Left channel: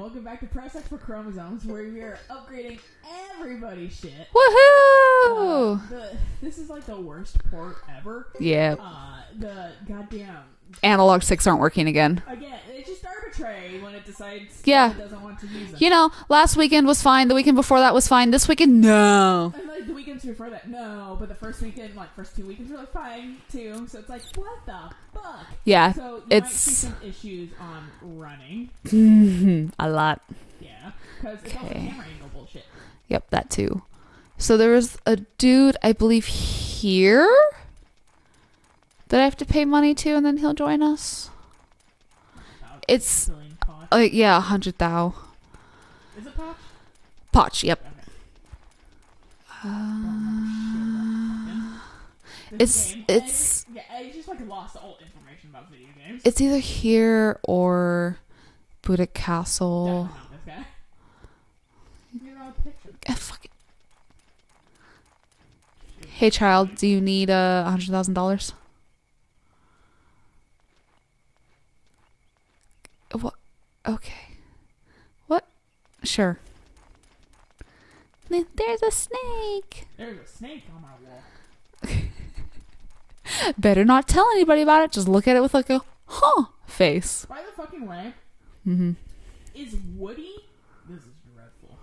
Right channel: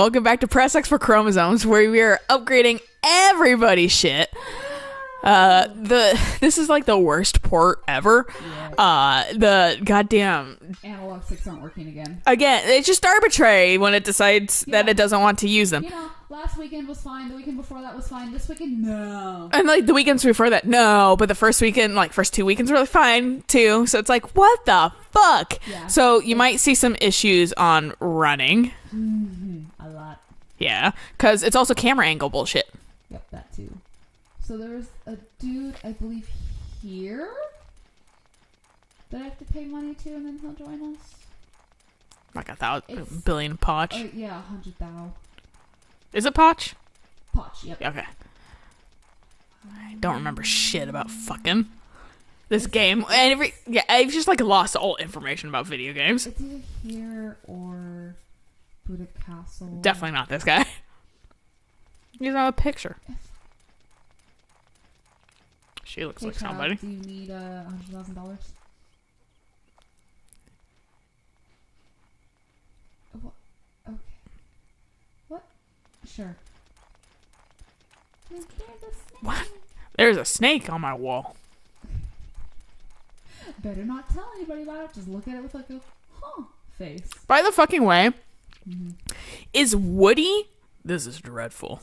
welcome back to Press X for Chromosomes, where we are upgrading everybody's shit. Woohoo! This is like the worst port ever. Yeah. The goddamn Analog sticks aren't working again. Again, it's just arbitrary when it decides that it doesn't want to use them. You know, last weekend was fine. The weekend before that was fine. This weekend, no. And like the weekends before that, no. But the first weekend, like first 2 weekends were fine too. So it's like, what the fuck? Yeah. So you might see some issues on running. A lot. Yeah. Because it's also camera angle bullshit. Yep, that too. So there was a dude, I believe, here that I have to pay money to, and then he'll join us. Like a It's billion potch. Yeah, 100,000. Is it potch? Potch, yep. Okay. I don't remember shit about fucking this game. I've just like lost all information about video games. It's either here or Buddha Castle. Definitely not this guy. He's not a picture. Hey, like child, somebody. Do you need $100,000? What? Okay. What? Sure. There's a snake. What? There's a snake on my wall. Better not tell anybody about it. Just look at it with like a face. By the fucking way, is Woody... This is dreadful.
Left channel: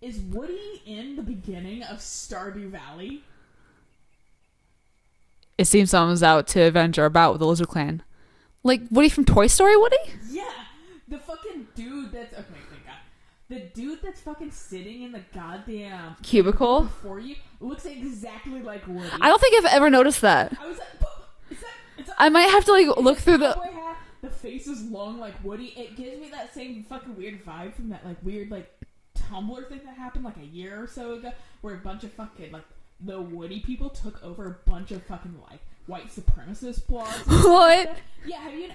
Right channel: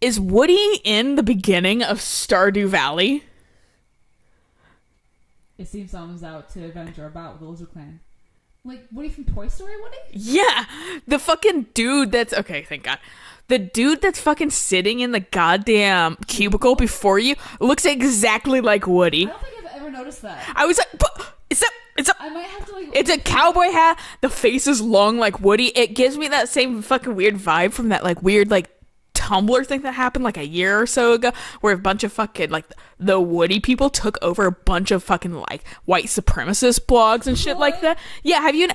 Is Woody in the beginning of Stardew Valley? It seems someone's out to avenge our bout with the Lizard Clan. Like Woody from Toy Story, Woody? Yeah. The fucking dude that's... Okay, thank God. The dude that's fucking sitting in the goddamn cubicle before you looks exactly like Woody. I don't think I've ever noticed that. I was like, I might have to like... It's a cowboy hat. The face is long like Woody. It gives me that same fucking weird vibe from that like weird like Tumblr thing that happened like a year or so ago, where a bunch of fucking like the Woody people took over a bunch of fucking like white supremacist blogs and shit like that. Yeah, have you?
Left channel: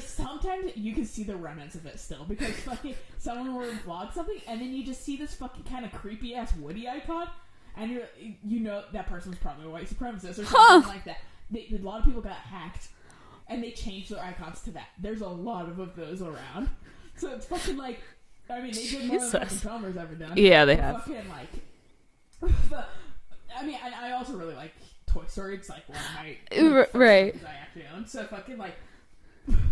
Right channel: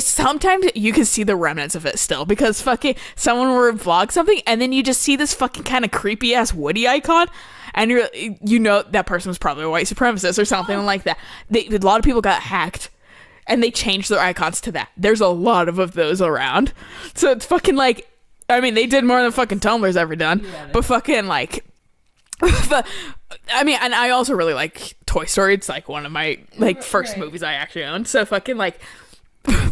Sometimes you can see the remnants of it still, because fucking someone will vlog something and then you just see this fucking kind of creepy ass Woody icon, and you know that person was probably a white supremacist or something like that. A lot of people got hacked and they changed their icons to that. There's a lot of those around, so it's fucking like. I mean, they did more than fucking Tumblr's ever done. Yeah, they have. Fucking, like... I mean, and I also really like Toy Story. It's, like, one of my, like, first movies I actually owned. So, fucking, like...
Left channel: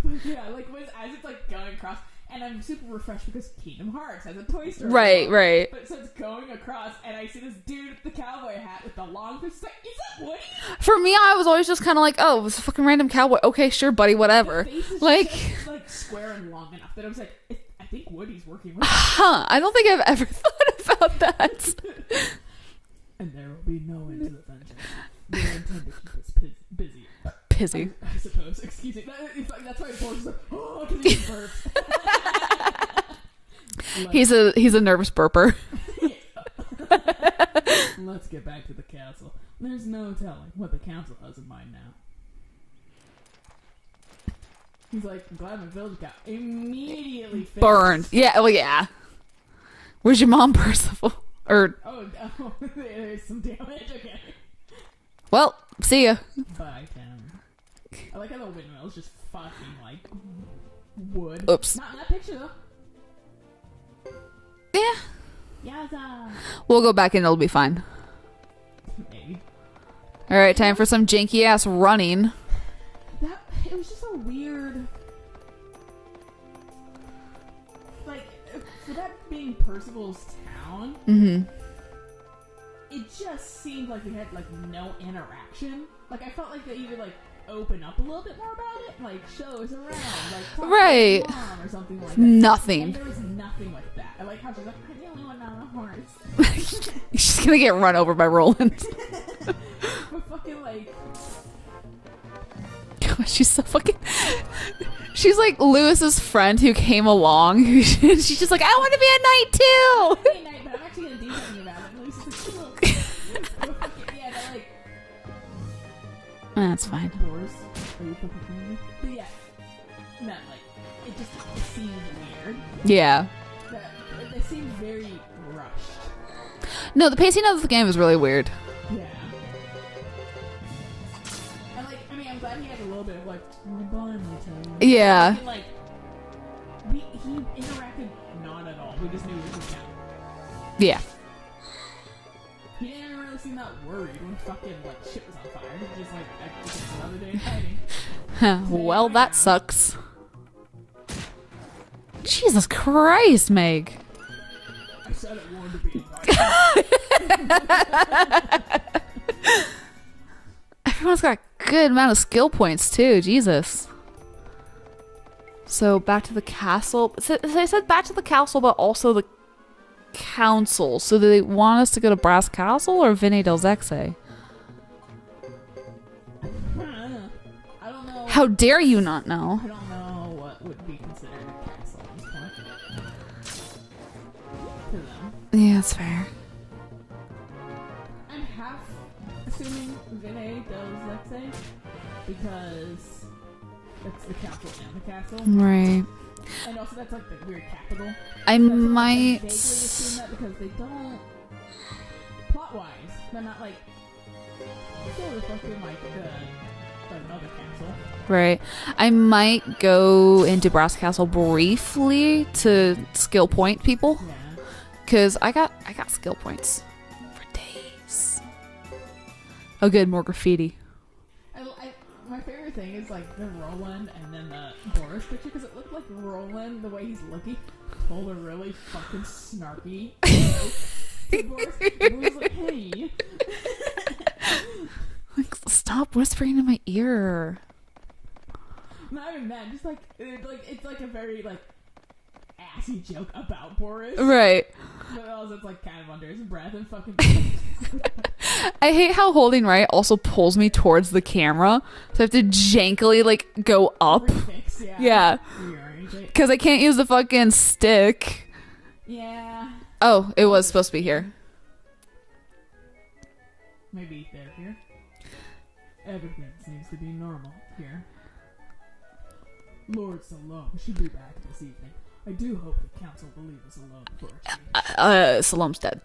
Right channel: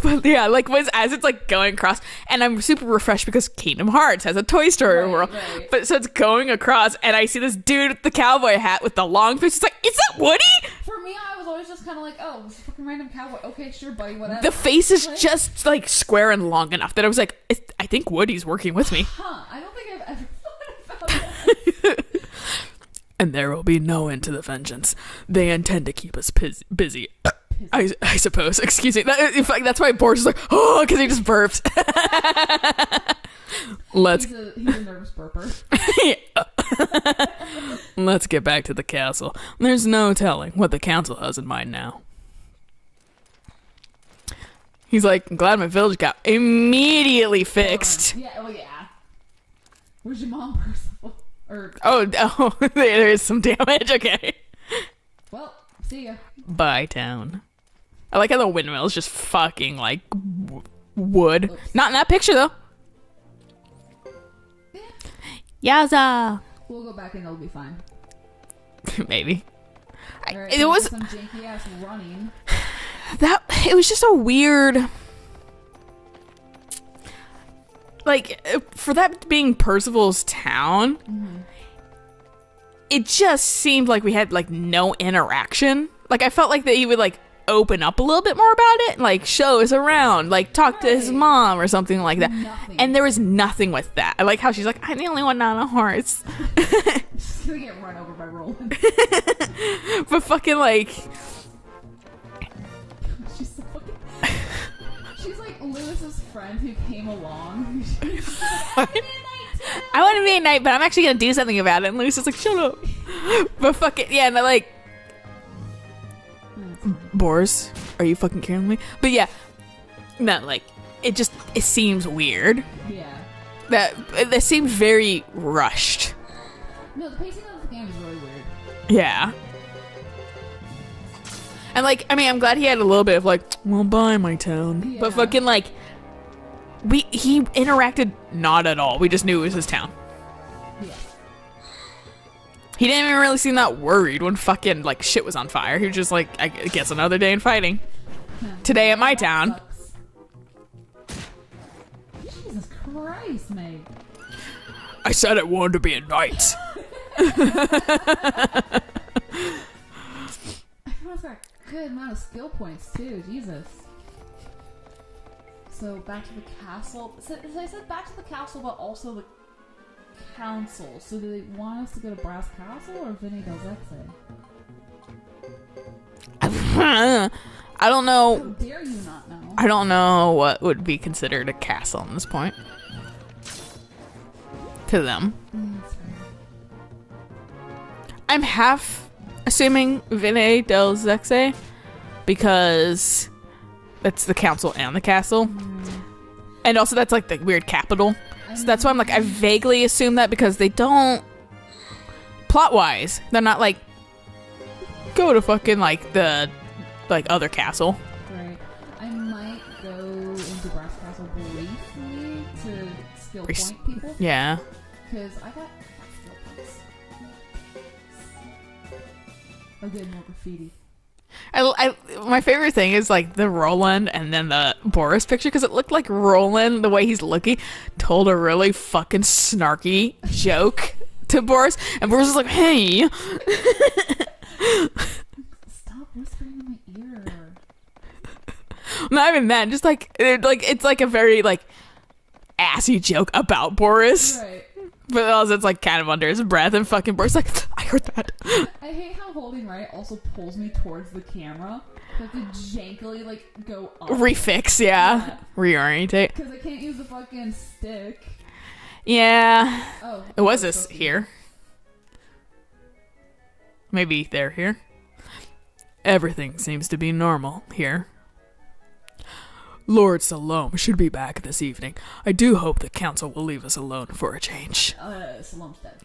But, yeah, like, as it's, like, going across... And I'm super refreshed because Kingdom Hearts has a Toy Story world. Right. But, so it's going across, and I see this dude with the cowboy hat with the long face. It's like, is that Woody? For me, I was always just kind of like, oh, it's a fucking random cowboy. Okay, sure, buddy, whatever. The face is like, just, like, square and long enough that I was like, I think Woody's working with me. I don't think I've ever thought about that. And there will be no end to the vengeance. They intend to keep us busy. I suppose. Excuse me. In fact, that's why Boris is like, oh, because he just burped. He's a nervous burper. Let's get back to the castle. There's no telling what the council has in mind now. He's like, I'm glad my village got immediately fixed. Burned. Yeah. Well, yeah. Where's your mom, Percival? Oh, there is some damage. Okay. Well, see ya. Bye, town. I like how the windmill is just fucking like wood. Oops. Not in that picture though. Yeah. Yaza. We'll go back and it'll be fine. Maybe. All right, time for some janky ass running. It was just a weird. Like, for that being Percival's town, it just seemed like we had, like, no interaction. Like, I felt like that he would, like, open up a little bit more about it, like, show us around, like, talk to his mom or something like that. Nothing. And there was nothing with that. I like how she's like, I'm the only one not on a horse. She's gonna get run over by Roland. But fucking, like... She's so fucking... She's like Lewis's friend who came along. She's just like, I want to be a knight too. I want to be a knight, but I'm actually going to do something about it. And Lewis is like, shut up. But fucking, yeah, and they're like... That's fine. Boris, are you fucking kidding me? But yeah, no, like, it seems weird. Yeah. That seemed very rushed. No, the pacing of the game is really weird. Yeah. And, like, I mean, I'm glad he had a little bit of, like, well, bye, my town. Yeah. But fucking, like, he interacted not at all. We just knew it was his town. Yeah. He didn't even really seem that worried when fucking like shit was on fire. He was just like, I guess another day in fighting. Today at my that town. Sucks. Jesus Christ, Meg. I said I wanted to be a knight. Everyone's got a good amount of skill points too. Jesus. So back to the castle. So they said back to the castle, but also the council. So do they want us to go to Brass Castle or Vine del Zexe? I don't know. How dare you not know? I don't know what would be considered a castle at this point. To them. Yeah, that's fair. I'm half assuming Vine del Zexe because that's the council and the castle. Right. And also that's like the weird capital. So that's why I'm like, I vaguely assume that because they don't, plot-wise, they're not like, go to fucking like the like other castle. Right. I might go into Brass Castle briefly to skill point people. Yeah. Cause I got skill points for days. Oh good, more graffiti. My favorite thing is like the Roland and then the Boris picture because it looked like Roland, the way he's looking, told a really fucking snarky joke to Boris. And Boris was like, hey. Like, stop whispering in my ear. Not even that, just like it's like a very like assy joke about Boris. Right. But also it's like kind of under his breath and fucking Boris like, I heard that. I hate how holding right also pulls me towards the camera. So I have to jankily like go up. Refix, yeah. Yeah. Reorientate. Because I can't use the fucking stick. Yeah. Oh, it was this supposed to be here. Maybe they're here. Everything seems to be normal here. Lord Salome should be back this evening. I do hope the council will leave us alone for a change. Salome's dead.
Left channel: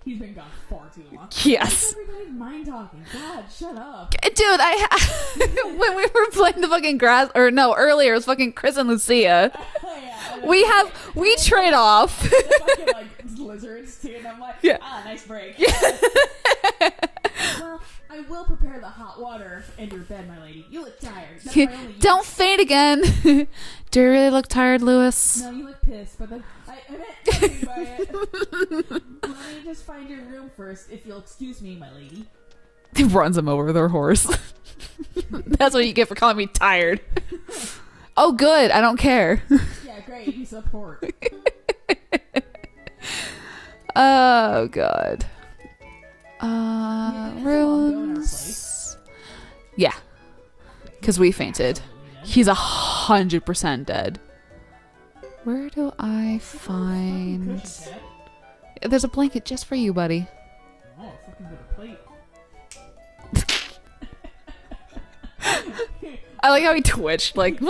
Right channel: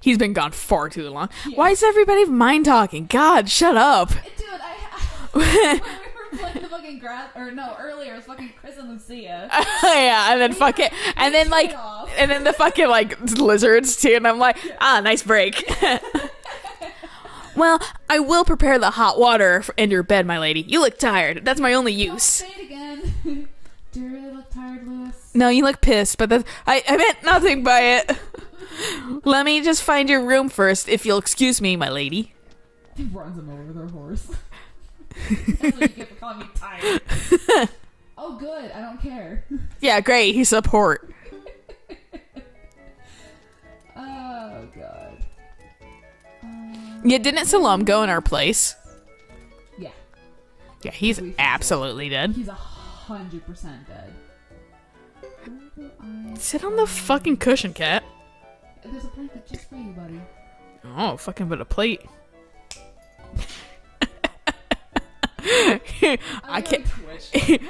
He's been gone far too long. Yes. Why is everybody mind talking? God, shut up. Dude, when we were playing the fucking grass, or no, earlier it was fucking Chris and Lucia. Yeah, and then We trade off. And then the fucking like lizards too, and I'm like, nice break. Well, I will prepare the hot water in your bed, my lady. You look tired. That's my only use. Don't say it again. Do you really look tired, Lewis? No, you look pissed, but I meant nothing by it. Let me just find your room first, if you'll excuse me, my lady. He runs him over with her horse. That's what you get for calling me tired. Oh, good. I don't care. Yeah, great. He's support. Oh, God. Yeah, didn't Salome go in our place? Yeah. Yeah, he's we fainted. absolutely dead. He's 100% dead. Where do I Sit on the fucking cushion, cat. There's a blanket just for you, buddy. Oh, fucking but a plate. I like how he twitched. Like,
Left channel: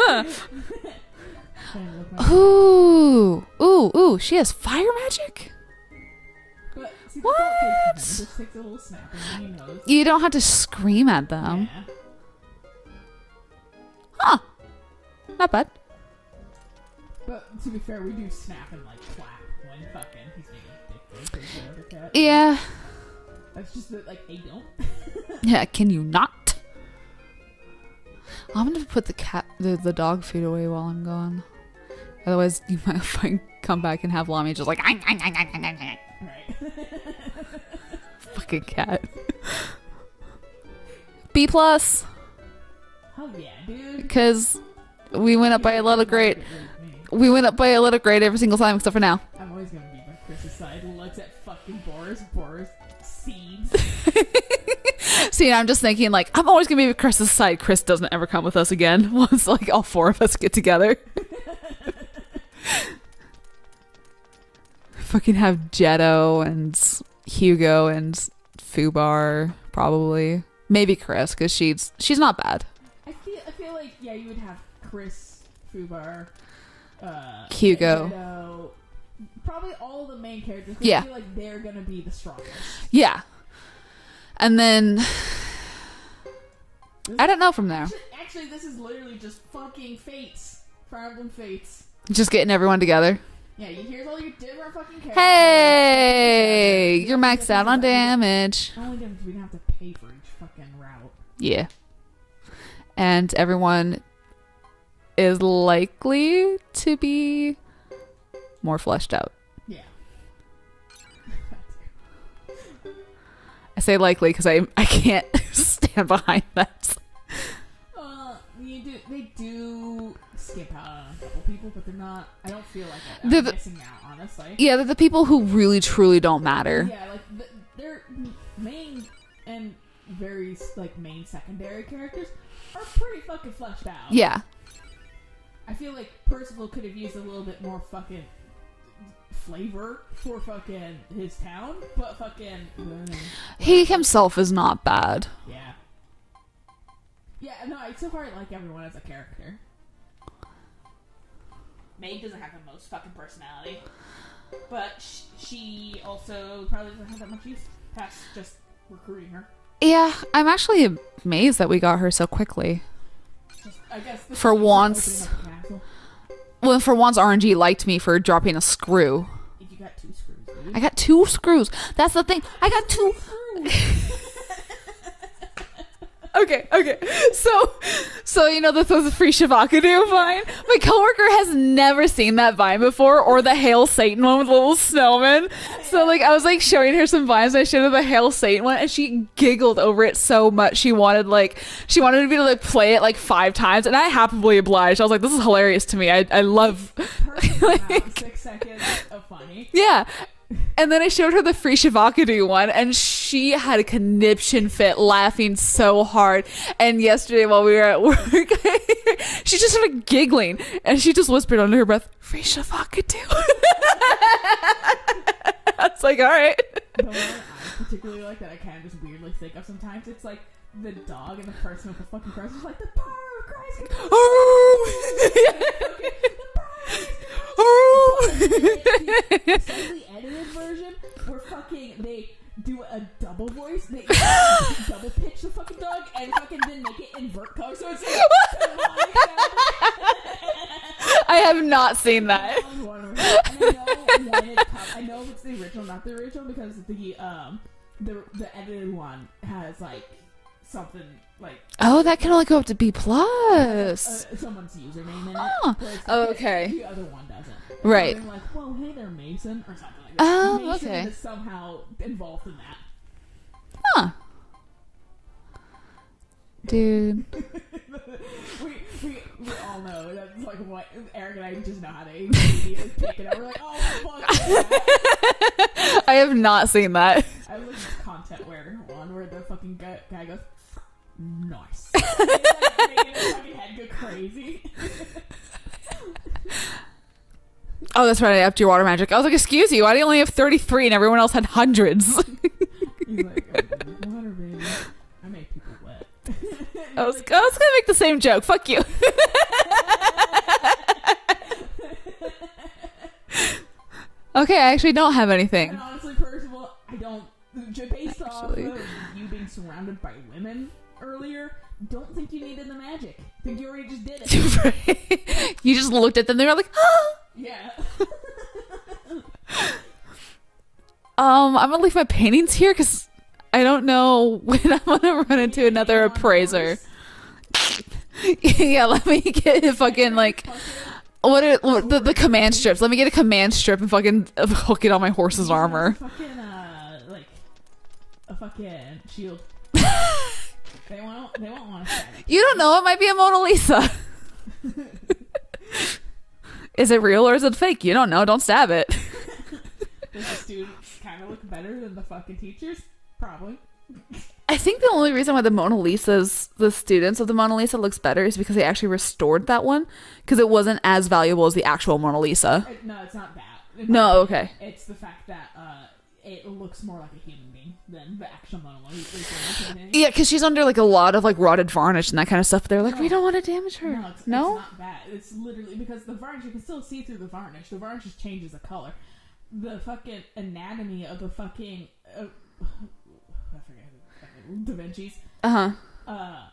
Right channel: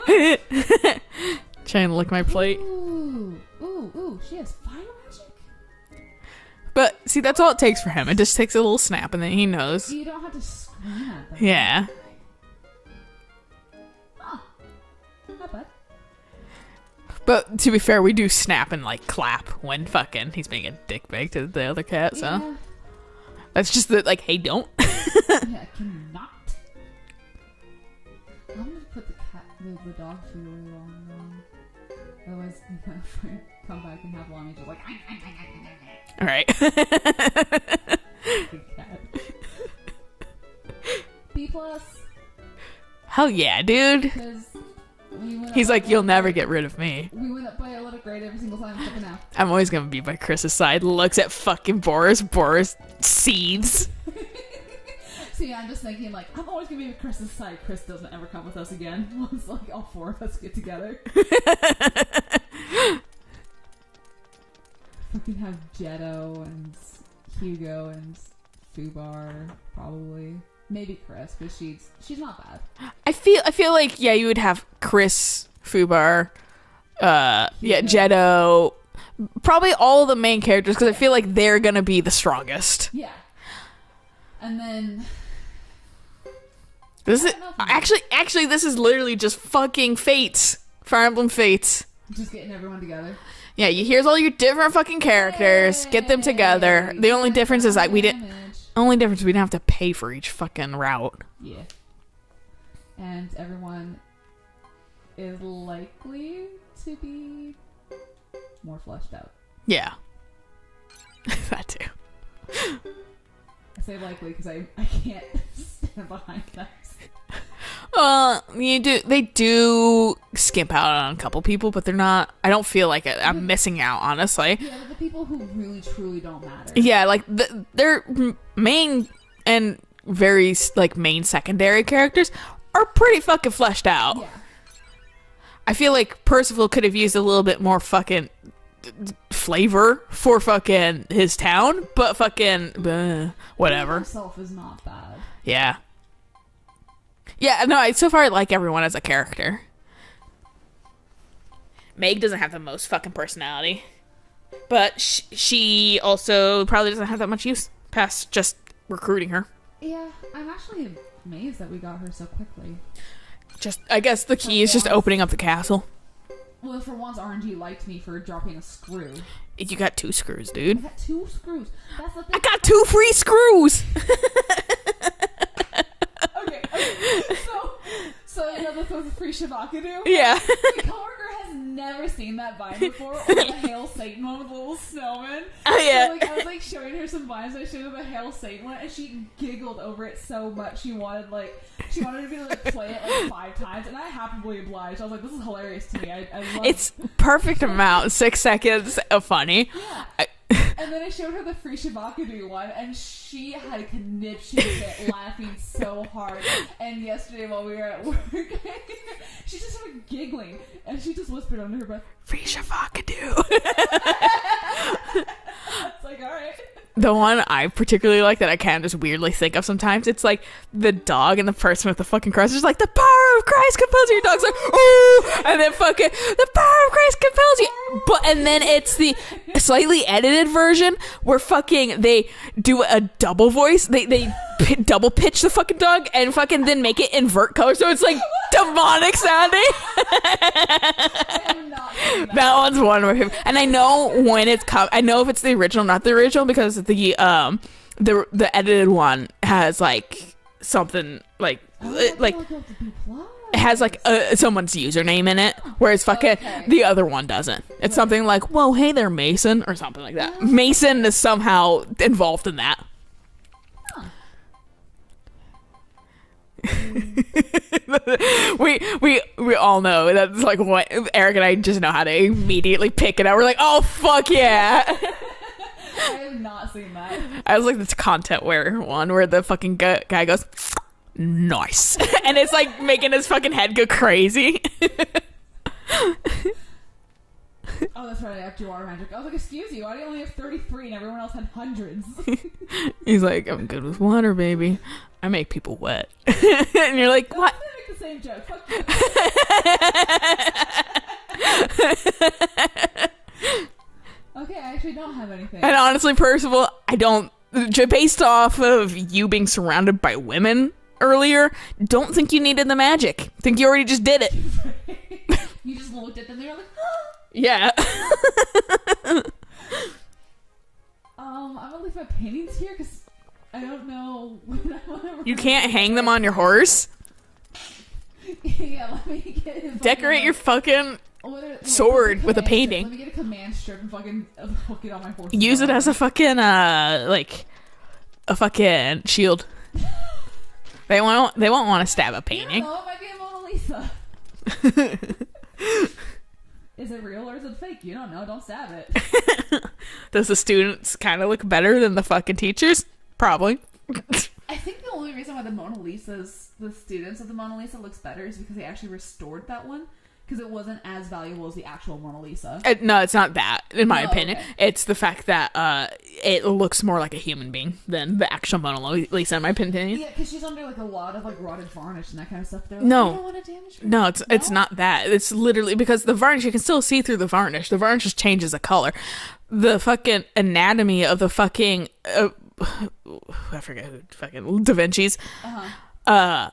trying to lick my plate. Ooh, she has fire magic? But see, that's all it takes for him. It just takes a little snap and then he knows. You don't have to scream at them. Yeah. Huh. Not bad. But to be fair, we do snap and like clap when fucking he's being a dickbag to the other cat. So. Yeah. That's just the like, hey, don't. Yeah, can you not? I'm gonna put the dog food away while I'm gone. Otherwise, you might come back and have Lami just like, All right. good cat. B+. Hell yeah, dude. Because we went up He's by like, a letter you'll never grade. get rid of me. We went up by a letter grade every single time except for now. I'm always gonna be by Chris's side. Looks at fucking Boris. Boris seeds. See, I'm just thinking like, I'm always gonna be with Chris's side. Chris doesn't ever come with us again. Once like all four of us get together. Fucking have Jetto and Hugo and Fubar probably. Maybe Chris, because she's not bad. I feel like you would have Chris, Fubar, Hugo. Jetto, probably all of the main characters because Yeah. I feel like they're gonna be the strongest. Yeah. And then I don't know from there. Actually, this is literally just fucking fates Fire Emblem Fates. Just getting everyone together. Yeah, here's all your different fucking characters. Get them together. The only difference is that we didn't have to pay for each fucking route. Yeah. And everyone is likely to be more fleshed out. Yeah. That too. I say likely because I can't stand behind that. They do skimp out on a couple people, but they're not. I don't feel like I'm missing out, honestly. Yeah, they're the people who really truly don't matter. Yeah, like their main and very like main secondary characters are pretty fucking fleshed out. Yeah. I feel like Percival could have used a little bit more fucking flavor for fucking his town, but fucking whatever. He himself is not bad. Yeah. Yeah, no, so far I like everyone as a character. Meg doesn't have the most fucking personality. But she also probably doesn't have that much use past just recruiting her. Yeah, I'm actually amazed that we got her so quickly. I guess the key is just opening up the castle. Well, for once, RNG liked me for dropping a screw. You got 2 screws, dude. I got 2 screws. That's the thing. I got 2 free screws. Okay. So you know the free Shavakadu vine? Yeah. My coworker has never seen that vine before, or the Hail Satan one with the little snowman. Yeah. So like I was like showing her some vines. I showed her the Hail Satan one, and she giggled over it so much. She wanted me to like play it like 5 times, and I happily obliged. I was like, this is hilarious to me. I love it's perfect amount. 6 seconds of funny. Yeah. And then I showed her the free Shavakadu one, and she had a conniption fit laughing so hard. And yesterday while we were at work, she just started giggling, and she just whispered under her breath, "Free Shavakadu." It's like, all right. The one I particularly like that I can just weirdly think of sometimes, it's like the dog and the person with the fucking cross is like, the power of Christ compels you. Dog's like, and then fucking, the power of Christ compels you. And then it's the slightly edited version where fucking they do a double voice. They double pitch the fucking dog and fucking then make it invert color. So it's like demonic sounding. I have not seen that. That one's wonderful. And I know when it comes, I know if it's the original, not the original, because the edited one has like something like that can like, only go up to B+. it has like someone's username in it, whereas fucking the other one doesn't. It's something like, "Whoa, hey there, Mason," or something like that. Mason is somehow involved in that. Huh. Dude. we all know that's like what Eric and I just know how to immediately pick it up. We're like, oh fuck yeah. I have not seen that. I was like, this content one where the fucking guy goes, nice, and it's like making his fucking head go crazy. Oh, that's right. I upped your water magic. I was like, excuse you, why do you only have 33 and everyone else had hundreds? He's like, I'm good with water, baby. I make people wet. And you're like, I was gonna make the same joke. Fuck you. Okay, I actually don't have anything. And honestly, Percival, I don't, based off of you being surrounded by women earlier, don't think you needed the magic. Think you already just did it. You just looked at them, they were like, oh. Yeah. I'm gonna leave my paintings here because I don't know when I'm gonna run into hang another them on your horse. Yeah, let me get a fucking Decorate like your fucking the sword command with a strips. Let me get a command strip and fucking hook it on my horse's use armor. it as a fucking like a fucking shield. They won't want to stab a painting. You don't know, it might be a Mona Lisa. Is it real or is it fake? You don't know, don't stab it. Does the students kind of look better than the fucking teachers? Probably. I think the only reason why the students of the Mona Lisa looks better is because they actually restored that one because it wasn't as valuable as the actual Mona Lisa. No, it's not that, in my opinion. Okay. It's the fact that it looks more like a human being than the actual Mona Lisa, in my opinion. Yeah, because she's under like a lot of like rotted varnish and that kind of stuff. They're like, No. we don't want to damage her. No, it's not that. It's literally because the varnish, you can still see through the varnish. The varnish just changes the color. The fucking anatomy of the fucking... I forget who fucking Da Vinci's. The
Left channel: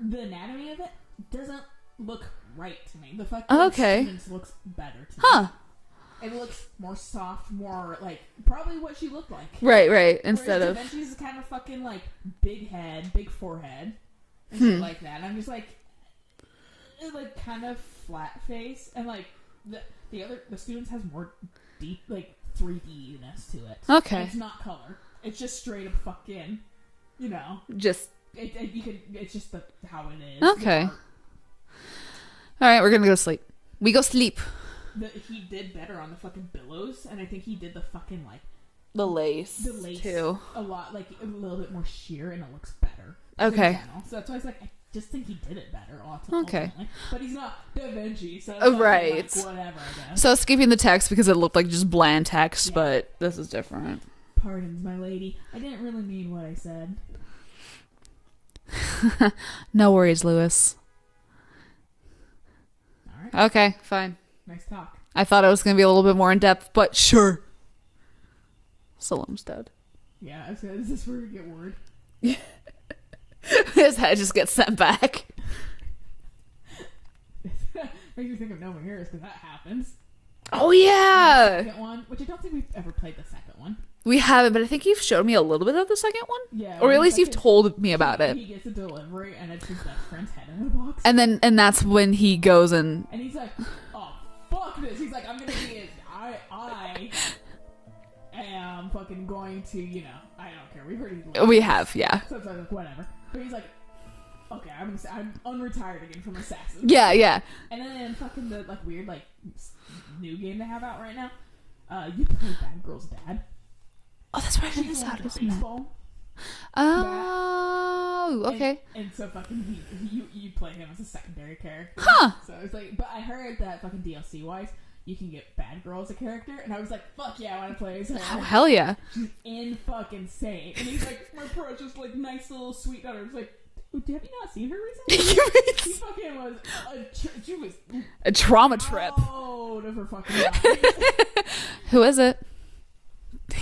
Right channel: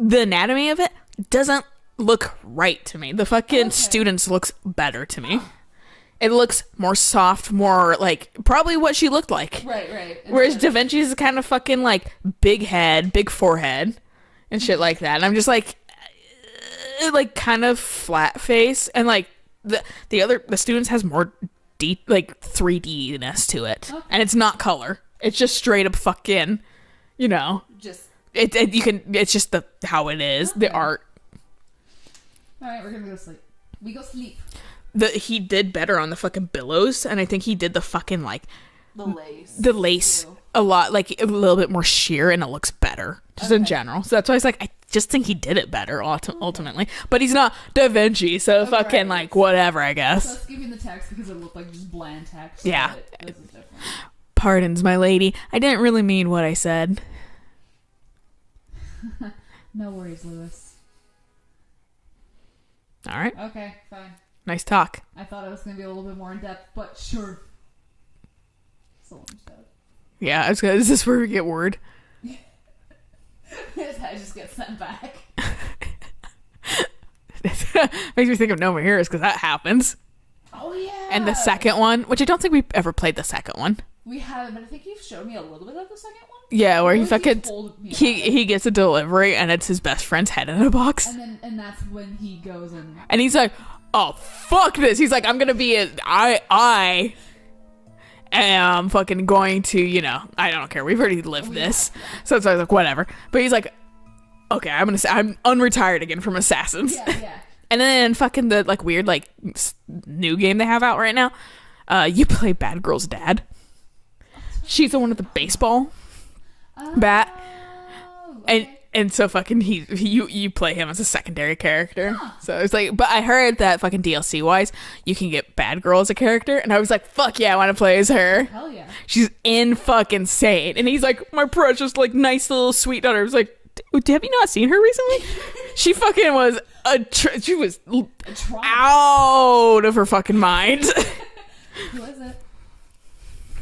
anatomy of it doesn't look right to me. The fucking Okay. students looks better to me. Huh. It looks more soft, more like probably what she looked like. Right. Whereas Instead Da of- Vinci's is kind of fucking like big head, big forehead, and shit like that. And I'm just like kind of flat face, and like the students has more deep like 3D-ness to it. Okay. And it's not color. It's just straight up fucking, just. it's just how it is, the Okay. art. All right, we're gonna go to sleep. We go sleep. He did better on the fucking billows, and I think he did the fucking like The lace. the lace too. a lot, like a little bit more sheer, and it looks better just in Okay. general. So that's why I was like, I just think he did it better ultimately. But he's not Da Vinci, so fucking Right. like whatever, I guess. So skipping the text because it looked like just bland text, Yeah. but this is different. Pardons, my lady. I didn't really mean what I said. No worries, Lewis. All right, Okay, fine. nice talk. I thought it was gonna be a little bit more in depth, but sure. Salem's dead. Yeah, is this where we get word? His head just gets sent back. Makes me think of No More Heroes because that happens. Oh yeah. And the second one, which I don't think we've ever played the second one. We haven't, but I think you've showed me a little bit of the second one. Yeah, or where at he least fucking you've told me about it. He gets a delivery and it's his best friend's head in a box. And that's when he goes and And he's like, "Oh fuck this!" He's like, "I'm gonna be I am fucking going to, I don't care. We've already lived. We this." have, yeah. So I was like, whatever. But he's like, "Okay, I'm unretired again from Assassins." yeah. And then fucking the like weird like new game they have out right now. You play Bad Girl's dad. Oh, that's right. She's the one with the baseball bat. Oh, okay. And so fucking you play him as a secondary character. Huh. So it's like, but I heard that fucking DLC wise, you can get Bad Girl as a character, and I was like, fuck yeah, I want to play as her. Hell yeah. She's in fucking sane, and he's like, my precious, like, nice little sweet daughter. I was like, have you not seen her recently? She fucking was she was A trauma trip. out of her fucking mind. Who is it?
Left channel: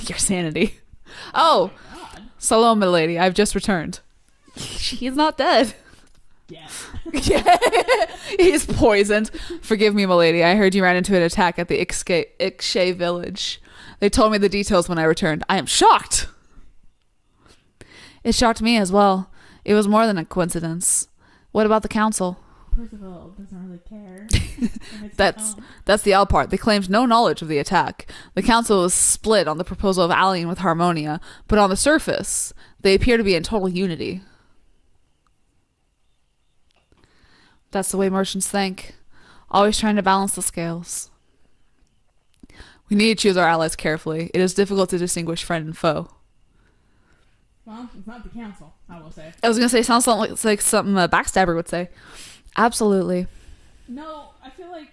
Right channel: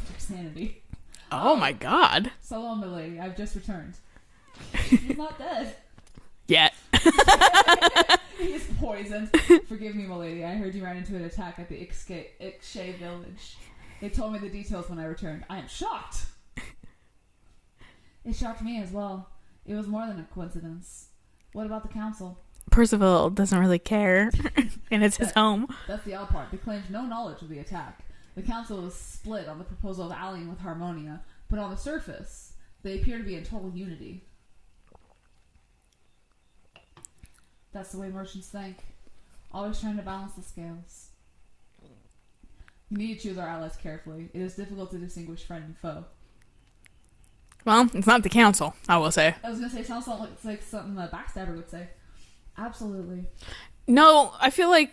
Your sanity. Oh my god. Salome, milady, I've just returned. He's not dead. Yet. He's poisoned. Forgive me, milady. I heard you ran into an attack at the Ixche village. They told me the details when I returned. I am shocked. It shocked me as well. It was more than a coincidence. What about the council? Percival doesn't really care, and it's his home. That's the odd part. They claimed no knowledge of the attack. The council was split on the proposal of allying with Harmonia, but on the surface, they appear to be in total unity. That's the way merchants think. Always trying to balance the scales. We need to choose our allies carefully. It is difficult to distinguish friend and foe. Well, it's not the council, I will say. I was going to say, sounds like something a backstabber would say. Absolutely. No, I feel like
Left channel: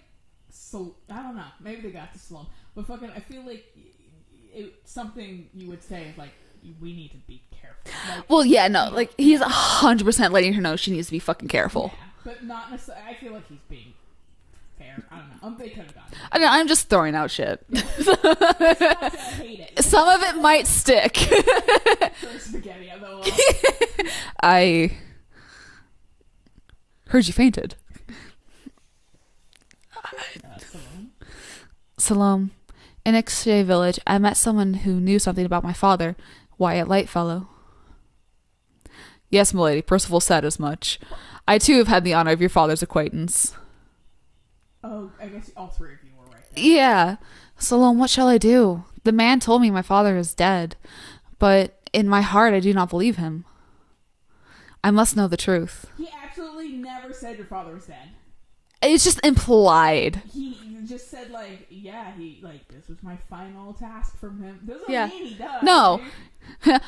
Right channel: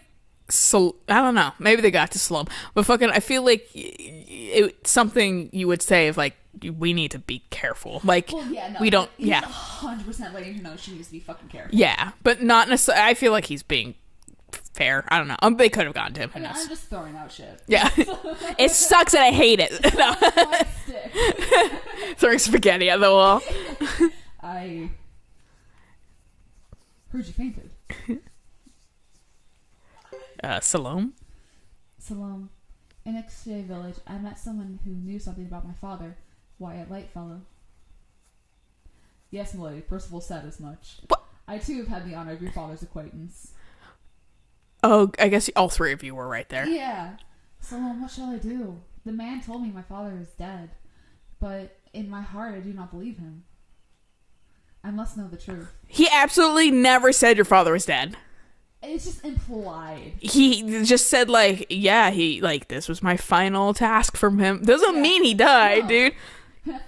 I don't know. Maybe they got to Slum, but fucking, I feel like it's something you would say if like we need to be careful. Like, Well, yeah, no. we don't. Like, he's yeah, 100% letting her know she needs to be fucking careful. yeah, but not necessarily. I feel like he's being fair. I don't know. They could have gone to him. I mean, I'm just throwing out shit. Yeah, it sucks and I hate it. Some of it might stick. Throwing spaghetti at the wall. I heard you fainted. Salome. Salome, in Ixche village, I met someone who knew something about my father, Wyatt Lightfellow. Yes, milady, Percival said as much. What? I too have had the honor of your father's acquaintance. Oh, I guess all three of you were right there. Yeah. Salome, what shall I do? The man told me my father is dead, but in my heart I do not believe him. I must know the truth. He absolutely never said your father was dead. It's just implied. He just said like, yeah, he like this was my final task from him. Doesn't Yeah. mean he died, No. dude.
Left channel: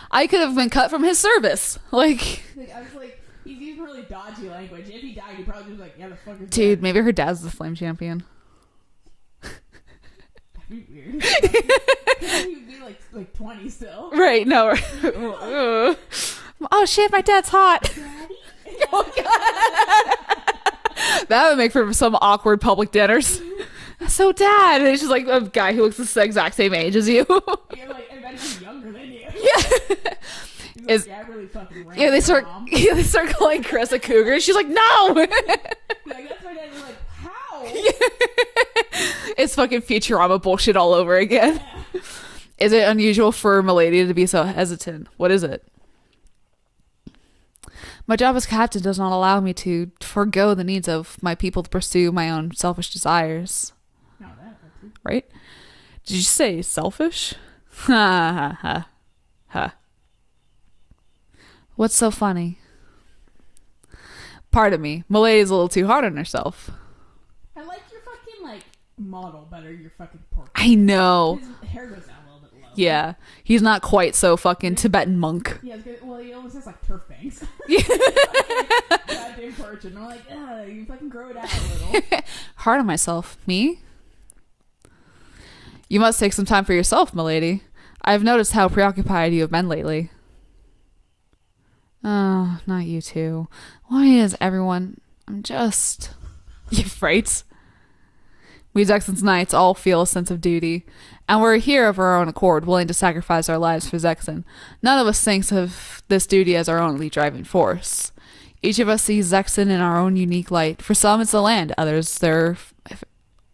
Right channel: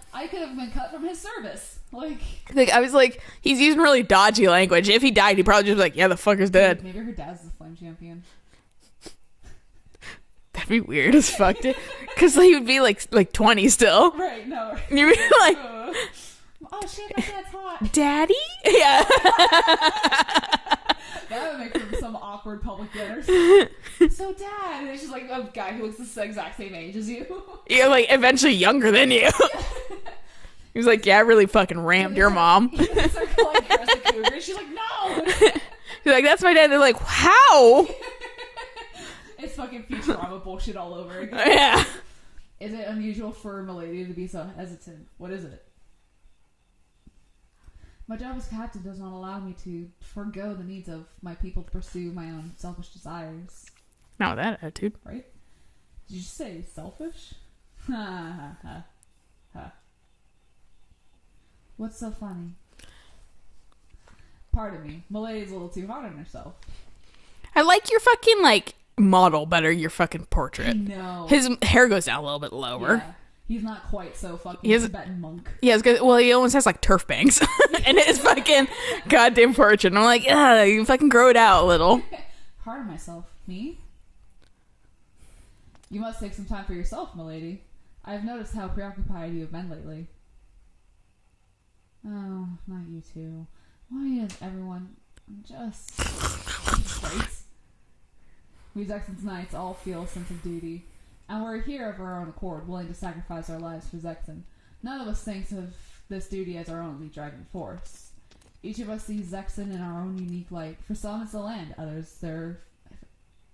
I could have been cut from his service. Like, Like I was like, he's using really dodgy language. If he died, he probably just was like, yeah, the fucker's dead. dude, maybe her dad's the flame champion. That'd be weird as fuck, dude. Because he would be like 20 still. Right, no. And you were like, Oh shit, my dad's hot. Daddy? Yeah. That would make for some awkward public dinners. So dad, and it's just like a guy who looks the exact same age as you. You're like eventually younger than you. He's like, yeah, I really fucking ran your mom. Yeah, they start calling Chris a cougar. She's like, no. He's like, that's my dad. They're like, how? It's fucking Futurama bullshit all over again. Yeah. Is it unusual for Milady to be so hesitant? What is it? My job as captain does not allow me to forego the needs of my people to pursue my own selfish desires. Not with that attitude. Right? Did you say selfish? Ha ha ha. Ha. What's so funny? Pardon me. Milady's a little too hard on herself. I like your fucking, like, model better, your fucking portrait. I know. His hair goes down a little bit lower. Yeah. He's not quite so fucking Tibetan monk. Yeah, well, he almost has, like, turf bangs in his fucking goddamn portrait. And I'm like, you fucking grow it out a little. Hard on myself. Me? You must take some time for yourself, milady. I've noticed how preoccupied you have been lately. Oh, not you two. Why is everyone... I'm just... Right? We Zexon's knights all feel a sense of duty, and we're here of our own accord, willing to sacrifice our lives for Zexon. None of us thinks of this duty as our only driving force. Each of us sees Zexon in our own unique light. For some, it's the land. Others,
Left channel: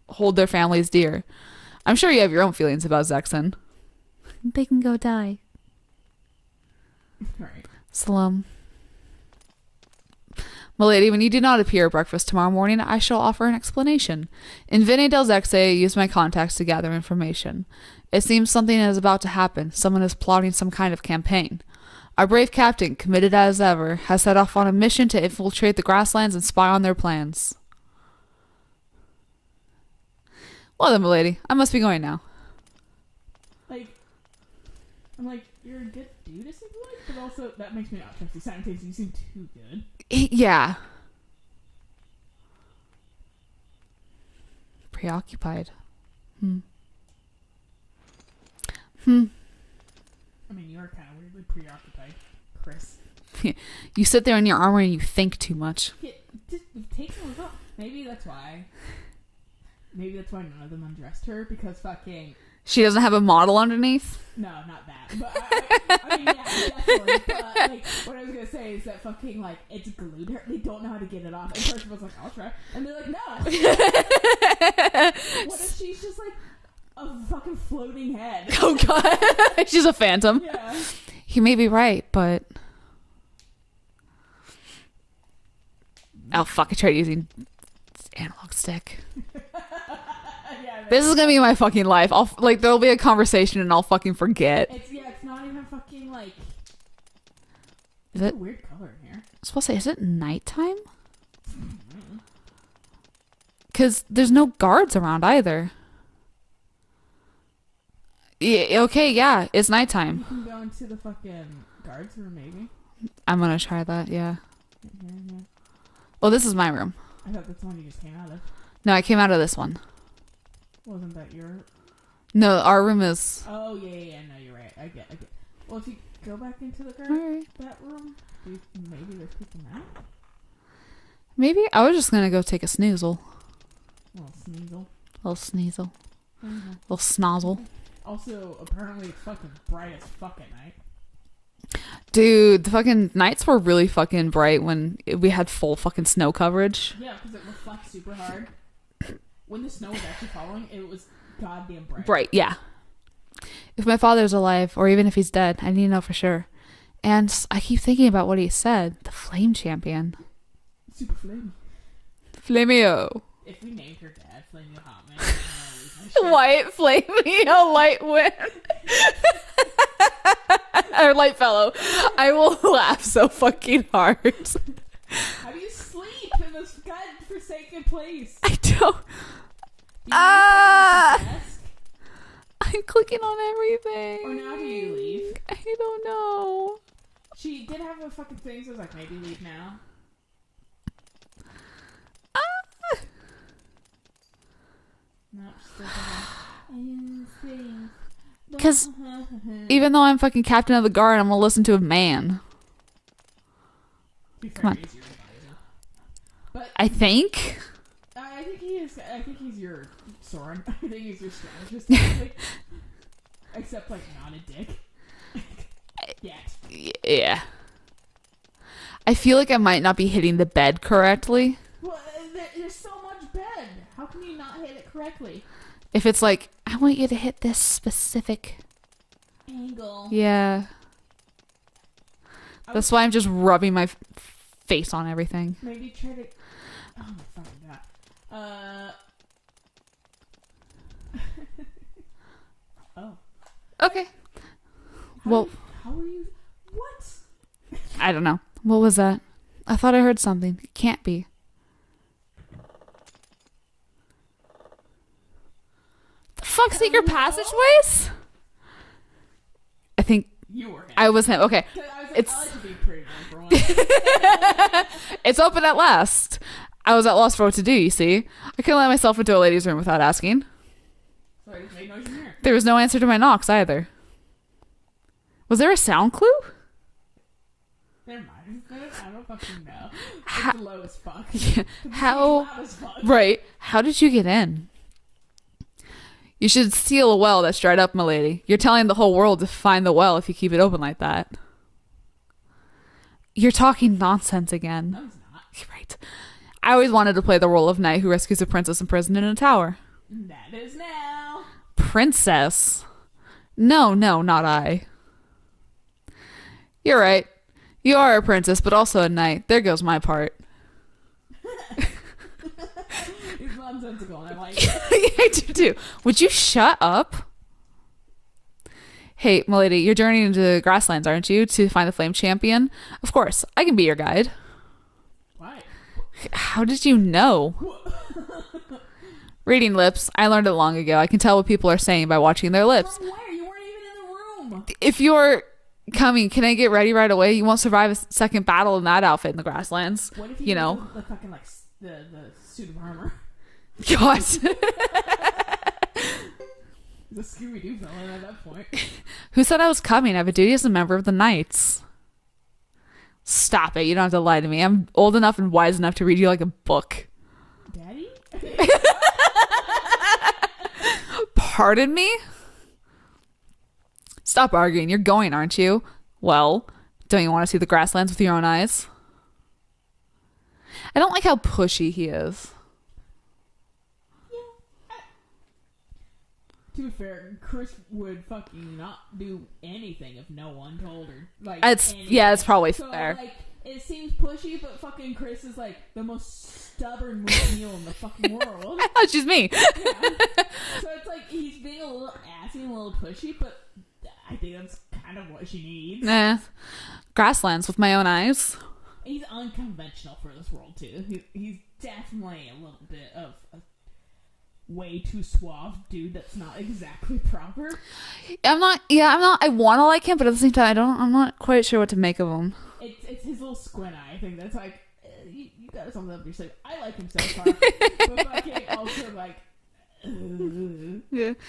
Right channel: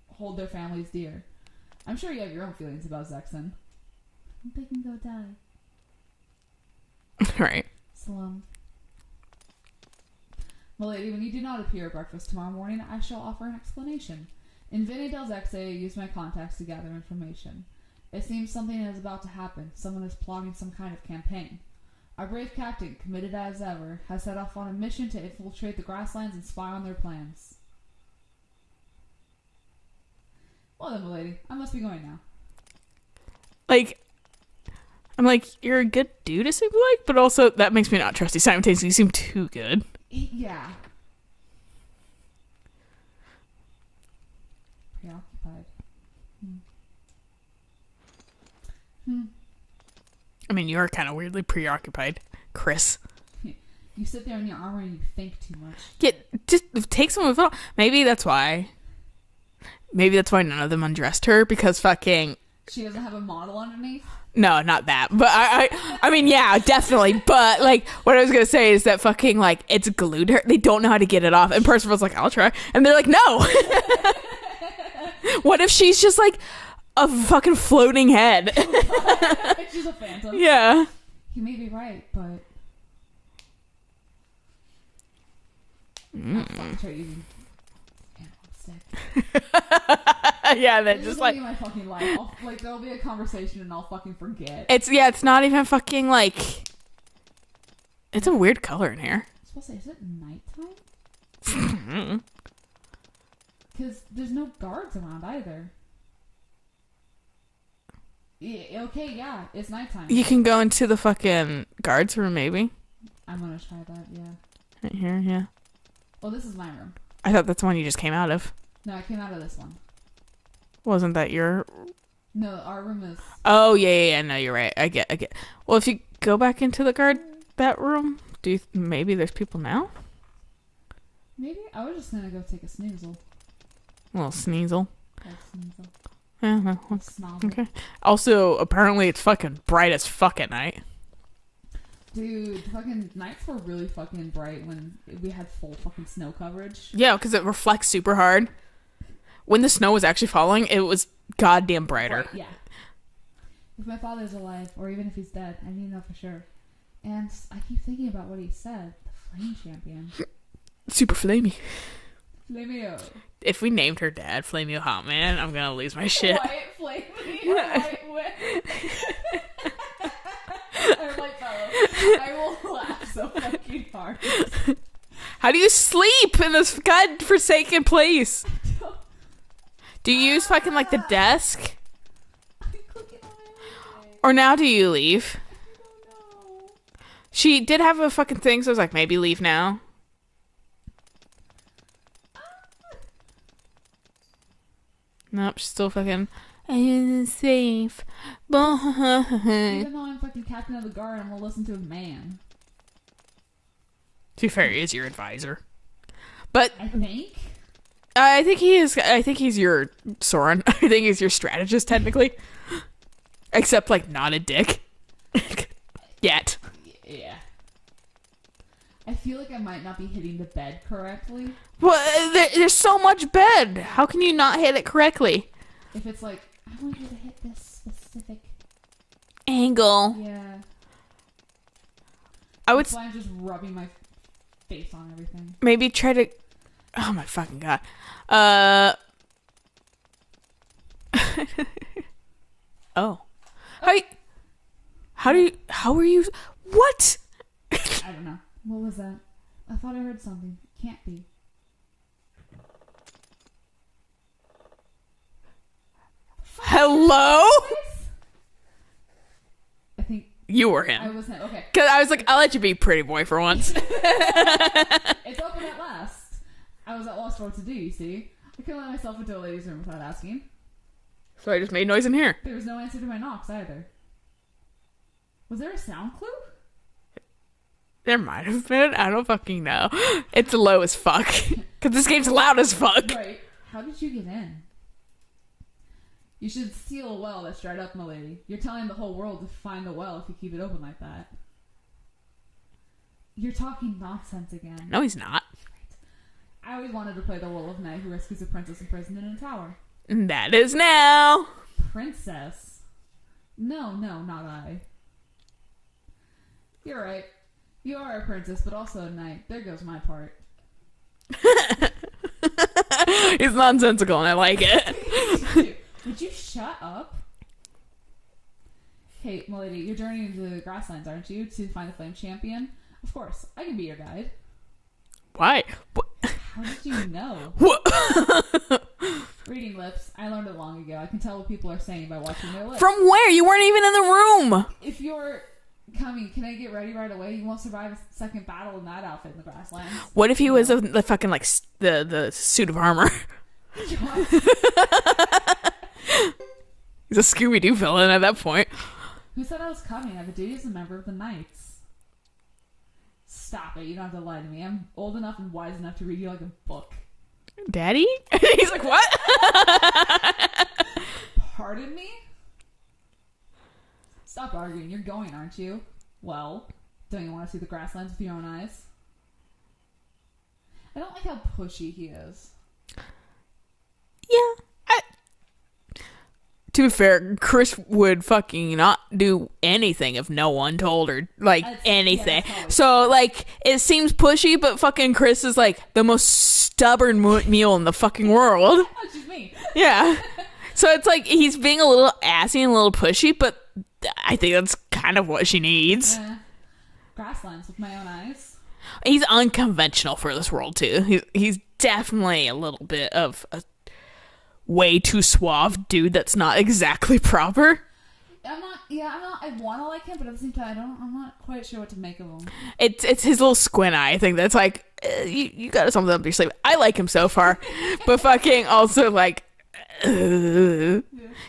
hold their families dear. I'm sure you have your own feelings about Zexon. They can go die. Right. Salam. Milady, when you do not appear at breakfast tomorrow morning, I shall offer an explanation. In Vene del Zexe, I use my contacts to gather information. It seems something is about to happen. Someone is plotting some kind of campaign. Our brave captain, committed as ever, has set off on a mission to infiltrate the grasslands and spy on their plans. Well then, milady, I must be going now. Like, I'm like, you're a good dude to seem like, but also that makes me not trust you simultaneously. You seem too good. Yeah. Preoccupied. I mean, you are kind of weirdly preoccupied, Chris. You sit there in your armor and you think too much. Yeah, just take some of it off. Maybe that's why none of them undressed her, because fucking... She doesn't have a model underneath? No, not that. But I mean, yeah, definitely. But like, what I was gonna say is that fucking like it's glued her. They don't know how to get it off. And Percival's like, I'll try. And they're like, no. What if she's just like a fucking floating head? Oh god, She's a phantom. yeah. He may be right, but... Oh, fuck. I tried using analog stick. Yeah, This is gonna be my fucking life. There'll be a conversation and I'll fucking forget. It's not even fucking like... It's a weird color in here. I was supposed to say, is it nighttime? Because there's no guards around either. Yeah, okay, yeah, it's nighttime. You can go into the fucking guards room, maybe. I'm gonna try that, yeah. Right here, yeah. Well, this is my room. I thought that's the one you just came out of. No, I came out of this one. Wasn't that your... No, our room is... Oh, yeah. No, you're right. I get. Well, if you go back into the guard that room, maybe there's people now? Maybe? I was just gonna go take a snoozle. A little sneasel. A little sneasel. Uh-huh. A little snozzle. Okay. Also, apparently it's fucking bright as fuck at night. Dude, the fucking nights were really fucking bright when we had full fucking snow coverage. Yeah, because it reflects super hard. When the snow was actually falling, it was goddamn brighter. Bright, yeah. If my father's alive, or even if he's dead, I need to know for sure. And I keep thinking about what he said. The Flame Champion. Super flamey. Flameo. If we named her dad Flameo Hot Man, I'm gonna lose my shit. White Flameo, White Wind. Or Light Fellow. I will laugh so fucking hard. How do you sleep in this godforsaken place? I don't... Do you use fucking like the desk? I'm clicking on everything. Or now do you leave? I don't know. She did have a fucking thing, so I was like, maybe leave now. Nope, she's still fucking... I'm safe. Even though I'm fucking captain of the guard, I'm gonna listen to a man. To be fair, he is your advisor. But I think... I think he is. I think he's your Soren. I think he's your strategist, technically. Except, like, not a dick. Yet. Yeah. I feel like I might not be hitting the bed correctly. Well, there's so much bed. How can you not hit it correctly? If it's like, I want you to hit this specific Angle. Yeah. That's why I'm just rubbing my face on everything. Maybe try to... Oh my fucking god. Oh. Okay. How are you... What? I don't know. What was that? I thought I heard something. It can't be. The fuck? Hello? Secret passageway? I think You were him. I was him. Okay. Because I was like, I'll let you be pretty boy for once. It's open at last. I was at loss for what to do, you see. I couldn't let myself into a ladies' room without asking. So I just made noise in here. There was no answer to my knocks either. Was there a sound clue? There might have been. I don't fucking know. It's low as fuck. Because this game's loud as fuck. Right. How did you get in? You should seal a well that's dried up, my lady. You're telling the whole world to find the well if you keep it open like that. You're talking nonsense again. No, he's not. Right. I always wanted to play the role of knight who rescues a princess imprisoned in a tower. That is now. Princess? No, not I. You're right. You are a princess, but also a knight. There goes my part. He's nonsensical and I like it. I do too. Would you shut up? Hey, milady, you're journeying into the grasslands, aren't you? To find the flame champion? Of course, I can be your guide. Why? How did you know? Reading lips. I learned it long ago. I can tell what people are saying by watching their lips. From where? You weren't even in the room. If you're coming, can I get ready right away? You won't survive a second battle in that outfit in the grasslands. What if he was the fucking like the suit of armor? God. He's a Scooby-Doo villain at that point. Who said I was coming? I have a duty as a member of the Knights. Stop it. You don't have to lie to me. I'm old enough and wise enough to read you like a book. Daddy? Pardon me? Stop arguing. You're going, aren't you? Well, don't you want to see the grasslands with your own eyes? I don't like how pushy he is. Yeah. To be fair, Chris would fucking not do anything if no one told her, like, anything. Yeah, that's probably so fair. like, it seems pushy, but fucking Chris is like the most stubborn mule in the fucking world. That's just me. Yeah. So it's like he's being a little assy and a little pushy, but I think that's kind of what she needs. Grasslands with my own eyes. He's unconventional for this world too. He's definitely a little bit of a way too suave dude that's not exactly proper. I'm not I want to like him, but at the same time I'm not quite sure what to make of him. It's his little squint eye, I think, that's like, you got something up your sleeve. I like him so far. But fucking also like, Yeah.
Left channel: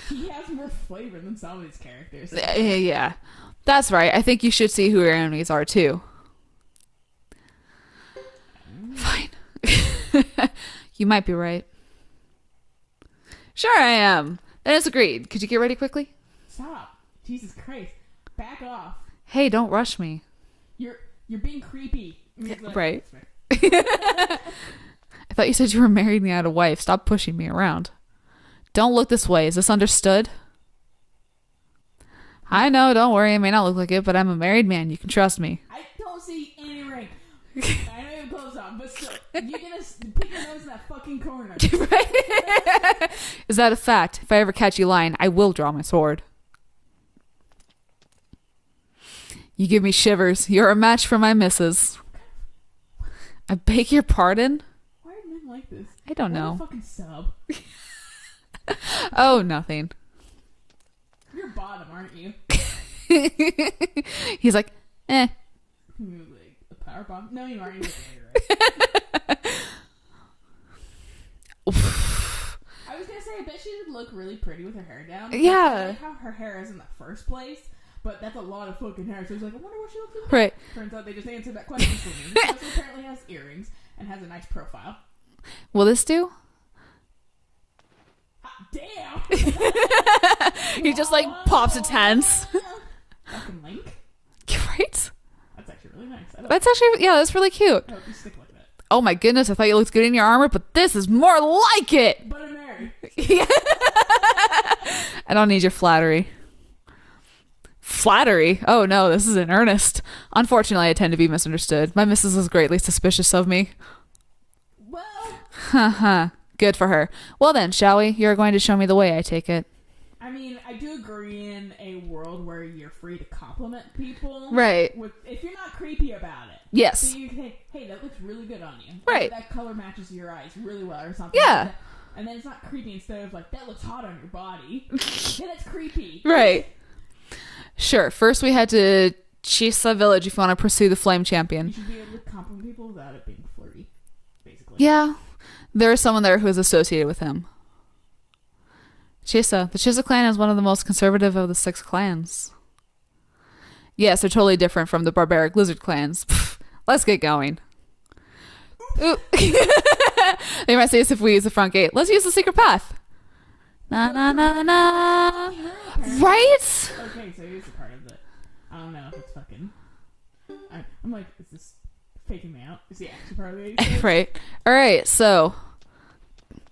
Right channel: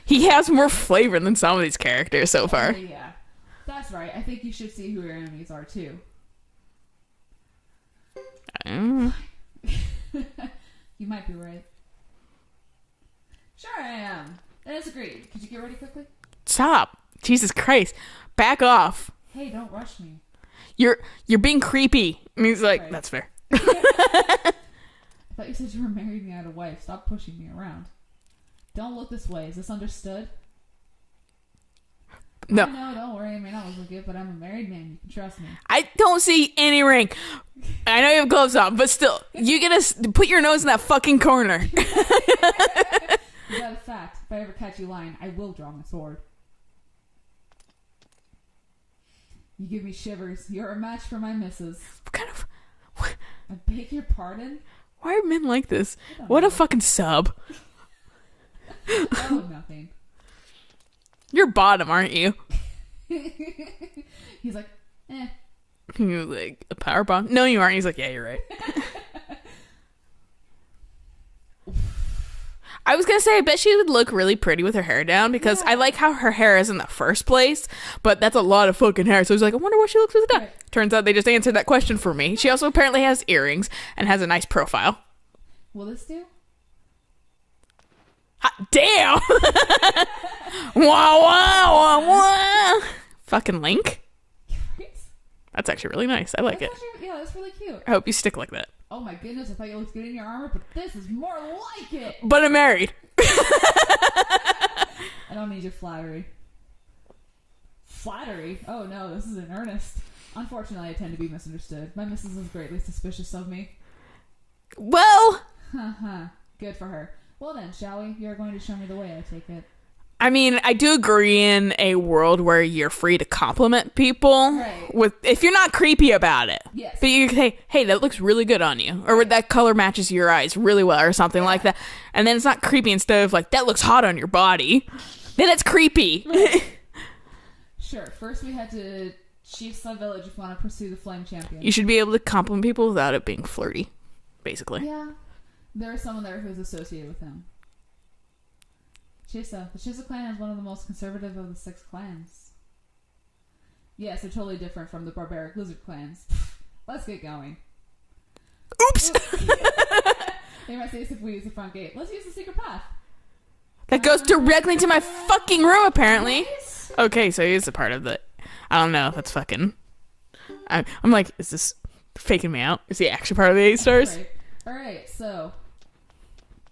He has more flavor than some of these characters so far. Yeah. That's right. I think you should see who your enemies are too. Fine. You might be right. Sure I am. Then it's agreed. Could you get ready quickly? Stop. Jesus Christ. Back off. Hey, don't rush me. You're being creepy. And he's like, Right. That's fair. I thought you said you were married and you had a wife. Stop pushing me around. Don't look this way. Is this understood? No. I know, don't worry. I may not look like it, but I'm a married man. You can trust me. I don't see any ring. I know you have gloves on, but still, you gotta put your nose in that fucking corner. Is that a fact? If I ever catch you lying, I will draw my sword. You give me shivers. You're a match for my missus. What kind of... I beg your pardon? Why are men like this? I don't What know. a fucking sub. Oh, nothing. You're bottom, aren't you? He's like, eh. You're like, a power bomb? No, you aren't. He's like, yeah, you're right. I was gonna say, I bet she would look really pretty with her hair down, because I Yeah. like how her hair is in the first place, but that's a lot of fucking hair. So he's like, I wonder what she looks with it. Right. Turns out they just answered that question for me. She also apparently has earrings and has a nice profile. Will this do? Hot damn! He just like pops its head. Fucking Link. Right? That's actually really nice. I like That's it. actually, yeah, that's really cute. I hope you stick like that. Oh my goodness, I thought you looked good in your armor, but this is more like it. But I'm married. I don't need your flattery. Flattery? Oh no, this is in earnest. Unfortunately, I tend to be misunderstood. My missus is greatly suspicious of me. Well, Haha. Good for her. Well then, shall we? You're going to show me the way, I take it. I mean, I do agree in a world where you're free to compliment people. Right. With if you're not creepy about it. Yes. But you can say, hey, that looks really good on you. Or Right. that color matches your eyes really well or something Yeah. like that. And then it's not creepy instead of like, that looks hot on your body. Then it's creepy. Right. Sure. First we head to Chisa Village if you want to pursue the Flame Champion. You should be able to compliment people without it being flirty, basically. Yeah. There is someone there who is associated with him. Chisa. The Chisa clan is one of the most conservative of the 6 clans. Yes, they're totally different from the barbaric lizard clans. Pfft, let's get going. Oops. They might say this if we use the front gate. Let's use the secret path. That goes directly to my fucking room, apparently. Right? Okay, so here's a part of it. I don't know if that's fucking... I'm like, is this faking me out? Is he actually part of the 8 stars? Right. All right, so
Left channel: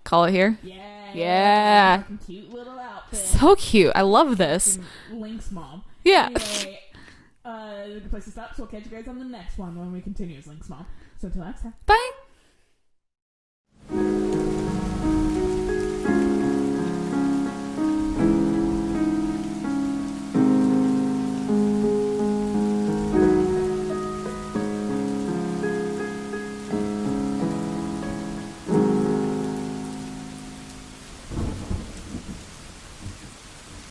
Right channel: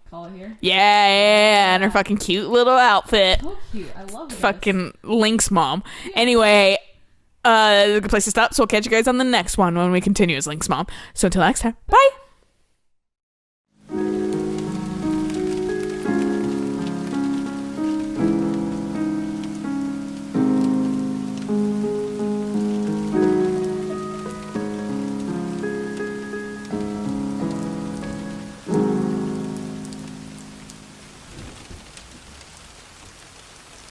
call it here. Yeah. And her fucking cute little outfit. So cute. I love this. Fucking Link's mom. Yeah. Anyway, a good place to stop. So we'll catch you guys on the next one when we continue as Link's mom. So until next time, bye.